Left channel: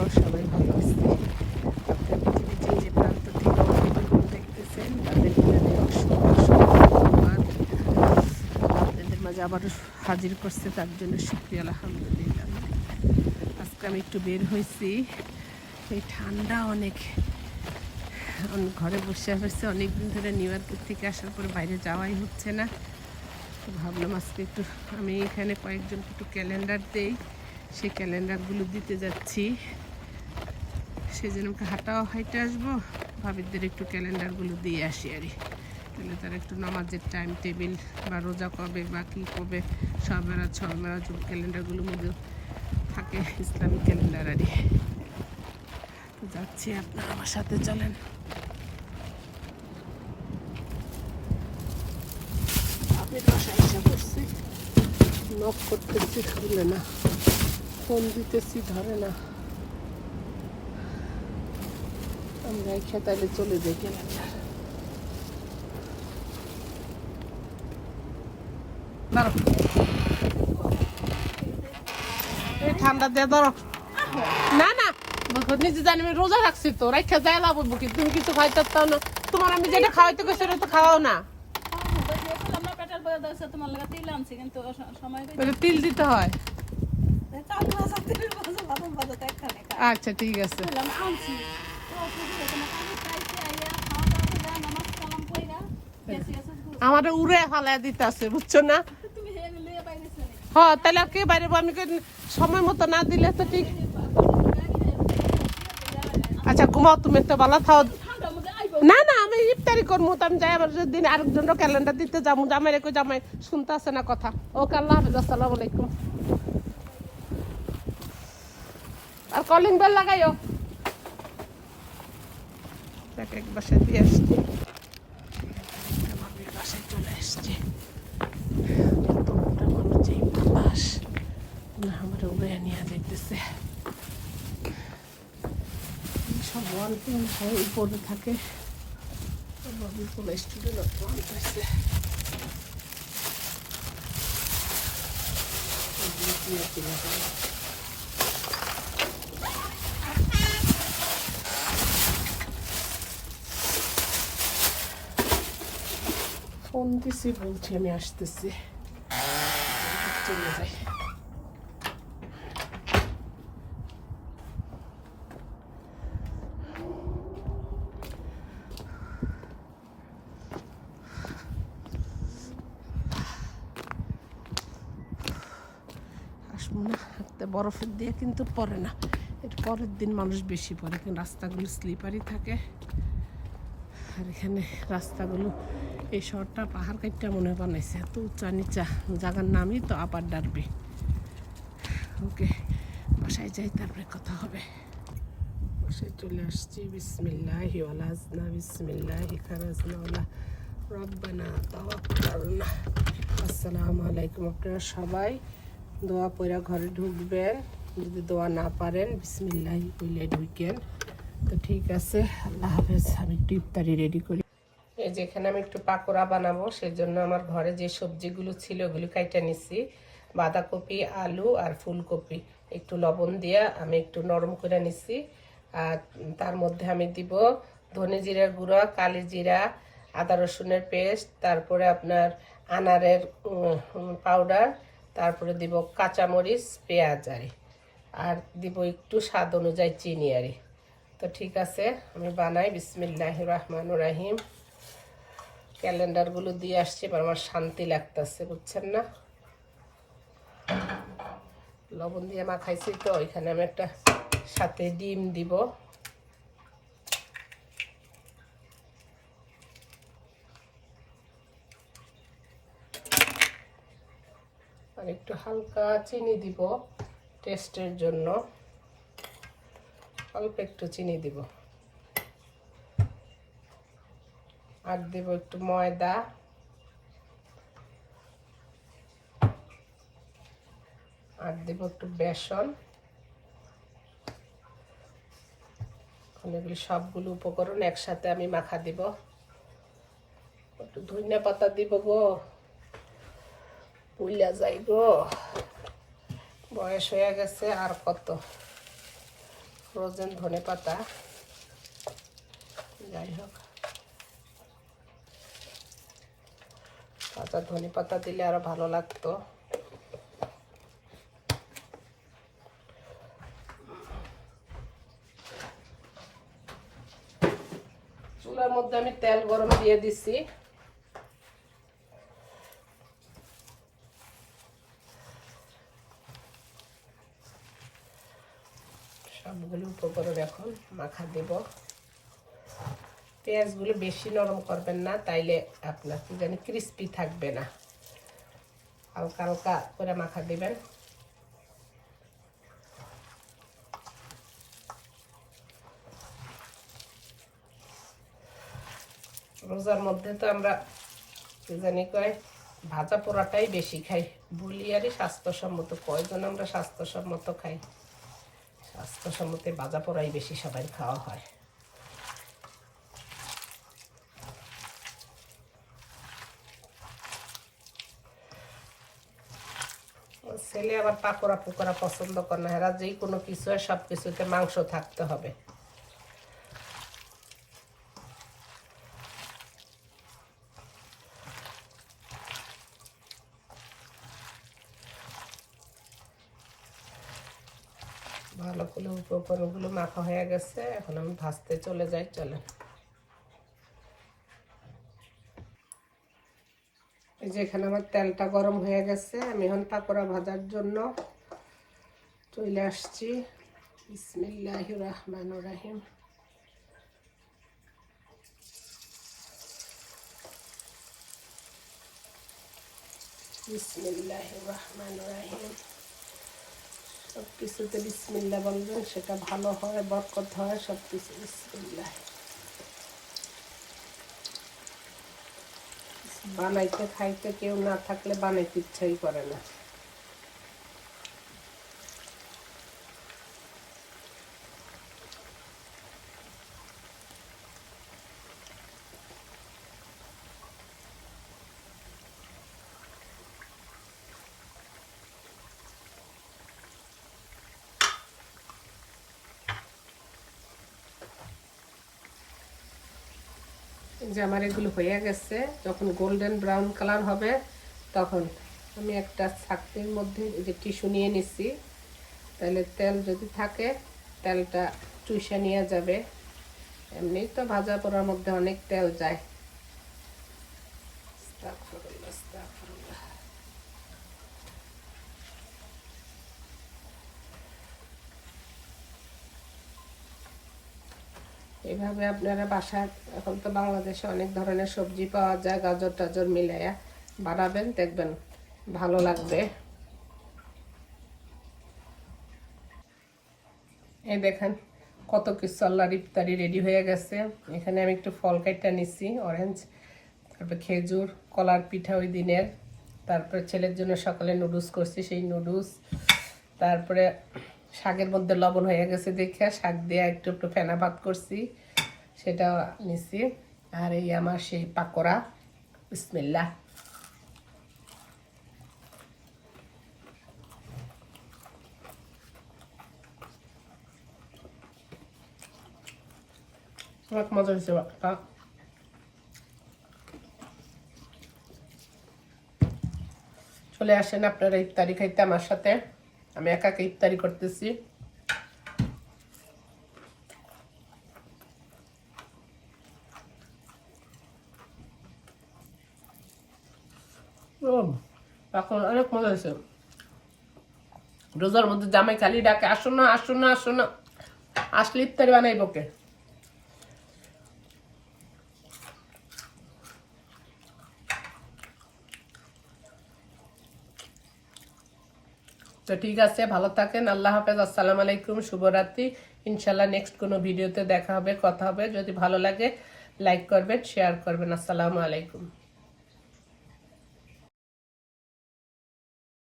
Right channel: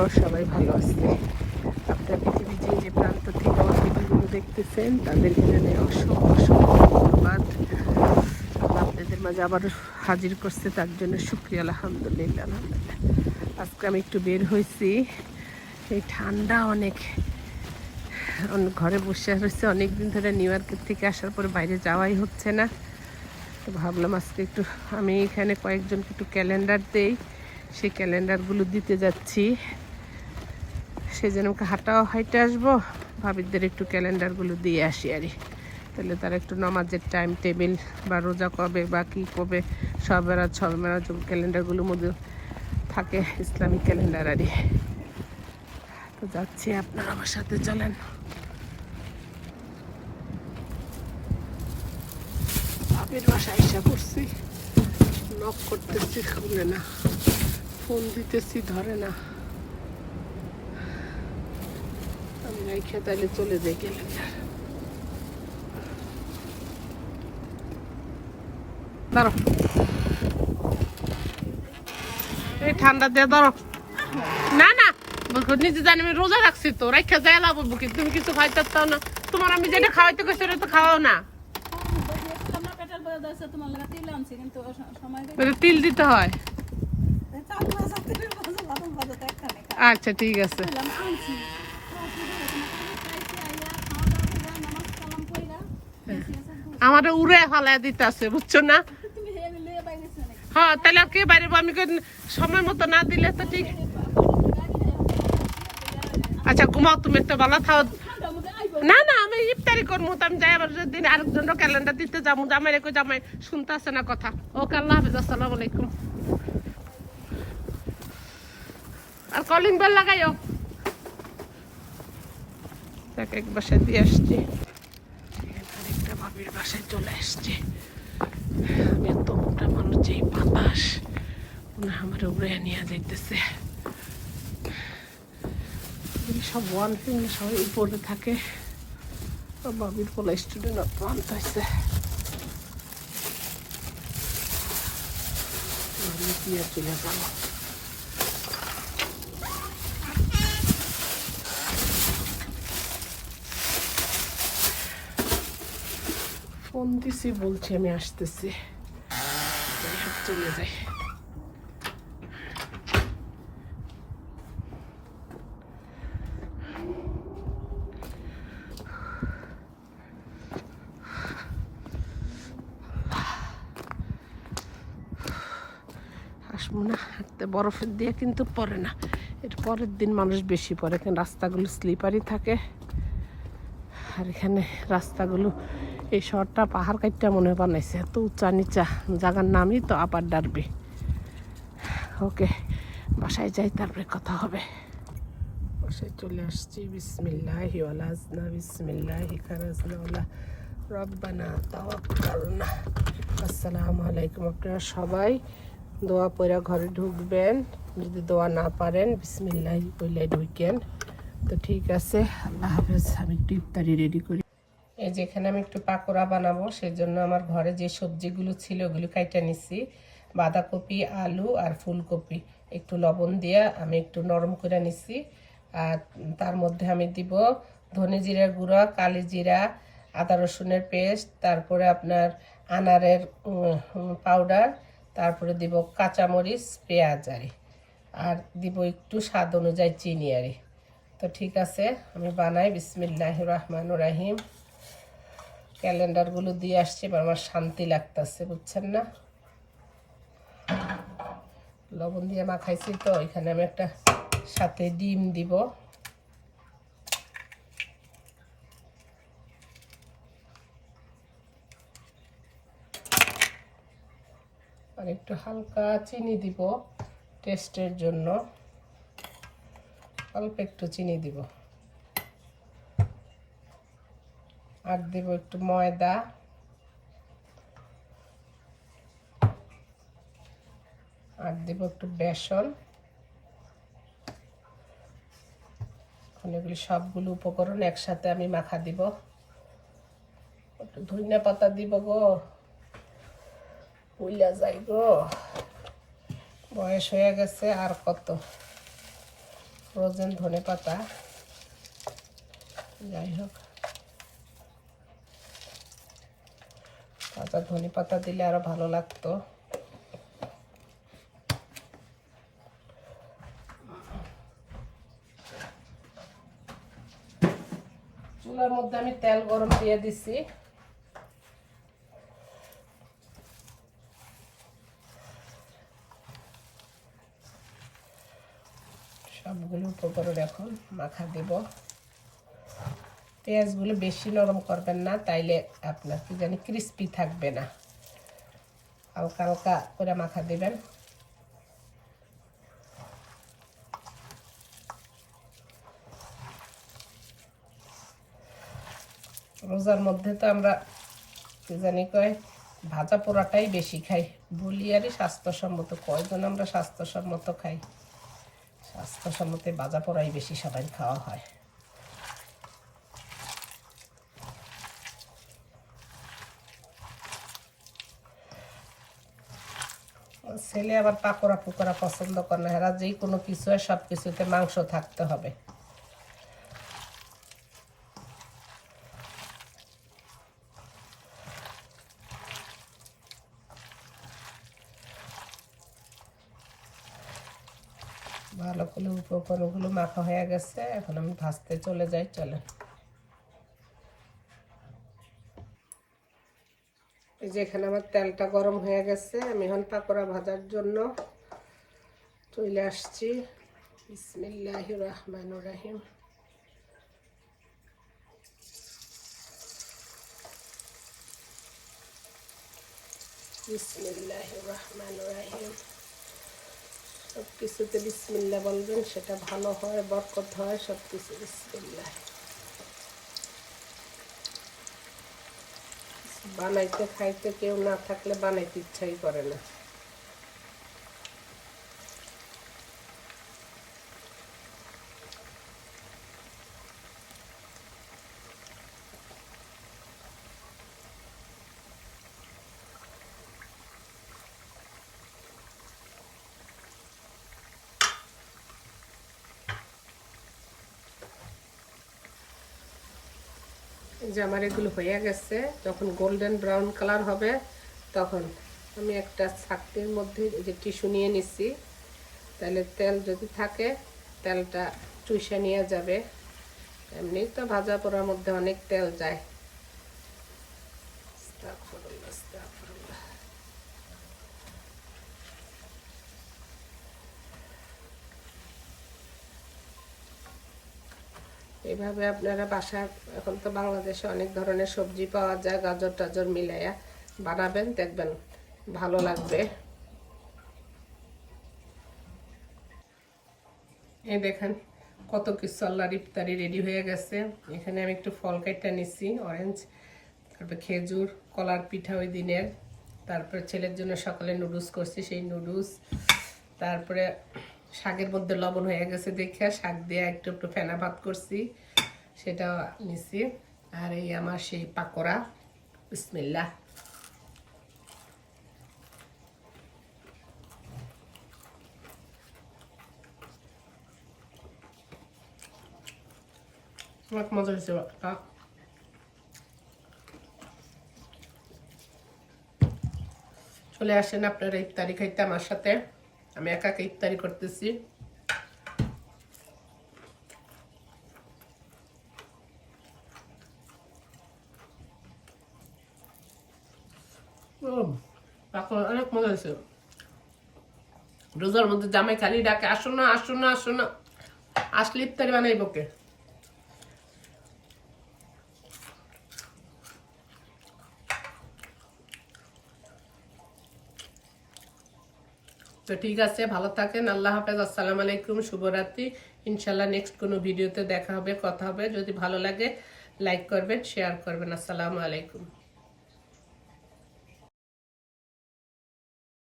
আমরাও সবাই ভালো আছি আপনার পৃথিবীর যে যে প্রান্ত থেকে আমার ভিডিওগুলো দেখতেছেন, তাদের জানাই অসংখ্য অসংখ্য ধন্যবাদ। আপনাদের মাঝে আবার হাজির করছে, তার জন্য শুক্রিয়া, আলহামদুলিল্লাহ। আজকে আমি একটু বের হয়েছি। এই ঠান্ডা অনেক। অন- ঘরে বসে হয়েছে অনেক দিন ধরে নিউ ইয়র্কের থেকে আসার পরে বাইরে যাওয়াই হচ্ছে না। তো ভাবলাম আজকে একটু আমি এখানে কয়েকজনকে একটু ক্যালেন্ডার দেই। সেই ক্যালেন্ডারগুলো দিতে যাচ্ছি। সেই জন্য হাঁটাও হাইটে আসব। ভাবিদের একটু ক্যালেন্ডারগুলো দিয়ে আসি আরই তাহলে তারা একটু নামাজের টাইম টেবিল বা রোজা কবে বা কী কবে, সব বেড়াত সব ক্যালেন্ডারগুলোর মধ্যে থাকে ইসলামিক ক্যালেন্ডার আরই তো যাচ্ছি আপনারা আমার সাথে, চলেন। এসে করছি নক করতেছি খুলে না। ফোন দিতেছি, ধরে না। আমরা খেতালে চলে যাই ক্যালেন্ডার ধরো। এই ঠান্ডা দিয়ে ধরো। না না বলব, নিজে জানি আমি রোজা রাখছি তো রাখা যায় লাভ হইবো তুমি কিছু খাইতে চাও না। তোমার আমি যেটা খাওয়াইতে কইছি ওটা তো খাওয়াও না। আমার পেটের বয়স আছে তিল আনছি কিন্তু সময় কই তিল দিতে হয় আচ্ছা ঠিক আছে। আমার উড়ে ফালাই দিতে আছে বুঝছ না? হ্যাঁ তাহলে কে বাইরে আমি সময় মতো না দিলে তো ঠিক। আচ্ছা ঘুমাও তুমি একটা ভালো আইবো। না না, আমি ইফতারি করব তো আমি যাই আবার দিন আরেকজনের ক্যালেন্ডার দিতে যাব জামাই রেখে জামাই শুনতে আসে না কথা। ওকে, আল্লাহ হাফেজ, আসসালামু আর কলিং বেল লাগাইও? তাকে এক বাসায় দিয়ে আসছি। আরেকটা ভাবির বাসায় চলে আসছি। এত মোটা মানুষ যে বাতাস হয় আমার উড়ে নিয়ে যাইতেছে। এই সব ওয়ান ফিং সবাই উপরে থাকে। বাবির পোলা স্টুডেন্ট অত্যন্ত হয়েছে কি আর কিনা জানো ফোন দিছি বলছি আমি আসতেছি। চলে যাই। আসব না একটা বরফের দিয়ে কিন্তু পরে না। এর পরের দিন মানুষ বেশি পরে এখানে রাস্তাগুলো স্লিপারই থাকে। আর এখানে রাস্তাগুলো এই শহরটা পাহাড় কাটটা মনে বানাইছে। এত উঁচা নিচা জায়গার নামই তো আপার ডারবি। ওকে, বাসায় যাই, তারপরে কথা হবে। বাসায় চলে আসছি। বিসমিল্লাহি ওয়ালাজনা বিসমিল্লাহি তাওয়াক্কালনা। আসসালামু আলাইকুম আপনারা সবাই। দোয়া পড়া ঘরে ঢুকবেন। যদি দোয়া না পারেন, বিসমিল্লাহি ঢুকেন। তো ঠিক আছে, আল্লাহ হাফেজ, আমি একটু ইফতারি রেডি করি। এই যে এখানে আমি একটু পাকোড়া বানাবো সেই জন্য আমার ঘরে যে সবজিগুলো ছিল ওগুলো কাইটা নিছি। বাঁধাকপি, আলু আর ফুলকপি। একটু লবণ দিয়ে আমি একটু নরম করে নিছি। আর তার মধ্যে আমি দিব ধনে জিরা গুঁড়া, কালি জিরা, আদা রসুনের পেস্ট, তারপরে আপনার আনারের পাউডার তারপরে দিব কাঁচামরিচ, পেঁয়াজ আরে আর দিব একটু স্বাদ অনুযায়ী চিনি আরে তো ঠিক আছে, আমি বানাই। বিসমিল্লাহ রহমান রাহিম। ক্যালেন্ডারগুলো দিয়ে আসছে, এবার আমার শান্তি লাগতেছে, বুঝছেন না? লবণ দিয়ে মাখাইছি তো এখানে আমি একটা সাথে ডিম দিব। আর একটু হালকা চিনি দিব টেস্টের জন্য। অল্প একটু চিনি দিব। আর দেব একটু ময়দা। আর দেব একটু বেসন। এখন এগুলি সবগুলো উপকরণ একসাথে আমি মাখা দিব। একটু ধনিয়া পাতা দিব গো। উইলা যাই গো। বয়স হয়ে গেছে আর কত? ফ্রোজেন ধনে পাতা। যাই হোক। কাঁচা ধনে পাতা দিলে আরও ভালো লাগতো। চুলের মধ্যে আমি তেল গরম দিয়ে দিছি। সবগুলো উপকরণ এখন মাখা দেব। পেঁয়াজগুলো বেশি নরম করবেন না, তাইলে আপনার কি জানি ক্রিস্পি থাকবে না। হালকা হালকা করে মাখা দেবেন। রোজার মধ্যে তো আমরা কি জানি কয়, ভাজা পোড়াটাই বেশি খাই। বলি আরই স্বাস্থ্যসম্মত, কয়জন আমরা স্বাস্থ্যসম্মত খাই? স্বাস্থ্যসম্মত ভাজা পোড়াই বেশি সবাই খাওয়া হয় ওর ছেলে আবার পাকোড়া পোকোড়া পছন্দ করে না। এরা যেই কোনো কিছু হয় সব কিছুতে মাংস থাকতে হবে। ভালো করে উপকরণগুলো মাখা হয়ে গেছে, এখন আমি ভাজতে চলে যাই চলে এই যে এখানে আমার তেলটা গরম হয়ে গেছে। আমি এখন পাকোড়া ভাজার জন্য চলে আসছি। বিসমিল্লাহ রহমান রাহিম। সব কিছুতে বিসমিল্লা বলবেন, সেটা ভালো হয়, বরকত হয় সব কিছু বিসমিল্লা বানাইতে খাইতে কেউ না থাকলে বানাইতে ইচ্ছাই করে না। যে আমার এগুলো হয়ে গেছে, যখন গোল্ডেন ব্রাউন কালার হবে, তখন আমি একটা ছাকটির মধ্যে যে টিস্যু নিয়ে নিছি। তাহলে তেল যদি থাকে, তেলটা চুষে নিয়ে যাবে। এমনি তো ভাজা পোড়ার মধ্যে অনেক তেল যায়। এইভাবে আপনারা বাসায় এখন তো বাংলাদেশে অনেক ধরনের সবজি পাওয়া যায়, গাজর টাজর মিলাইয়া। বানাবেন, দেখবেন, ভালো লাগবে। এই দেখেন, কত কিছু আল্লাহর ইফতারি রেডি হয়ে গেছে। এখানে আমি একটু ফল কাইটা নিচ্ছি অরেঞ্জ তারপর খেজুর, কলার পিঠা ওই দিনের। তারপরে ছেলের জন্য সকালে নুডলস করছি, সেই নুডলস তারপরে শাকের মধ্যে লবণ হয়ে গেছে দেখে শাক দিয়ে একটু একটু ফেনা ভাত করছি, সেটা নিছি। আর এই আমার সেই পাকোড়া বিসমিল্লা মজা চলে আসেন আপনারা ইফতারি খাইতে আমার সাথে। আমি একা একা ইফতারি করতেছি। অনেক মজা হয়েছে। রোজার মধ্যে জামাই খালি ডাকে, আসো না আসো না আসো না। আসলে ইফতারি বানাইব কে? তো ঠিক আছে, ভালো থাকেন, আল্লাহ হাফেজ, আসসালামু আলাইকুম, শুভরাত্রি। ইনশাল্লাহ নেক্সট কোনো ভিডিওতে দেখা হবে, কথা হবে। যদি ভালো লাগে লাইক করবেন শেয়ার করবেন। আসসালামু আলাইকুম।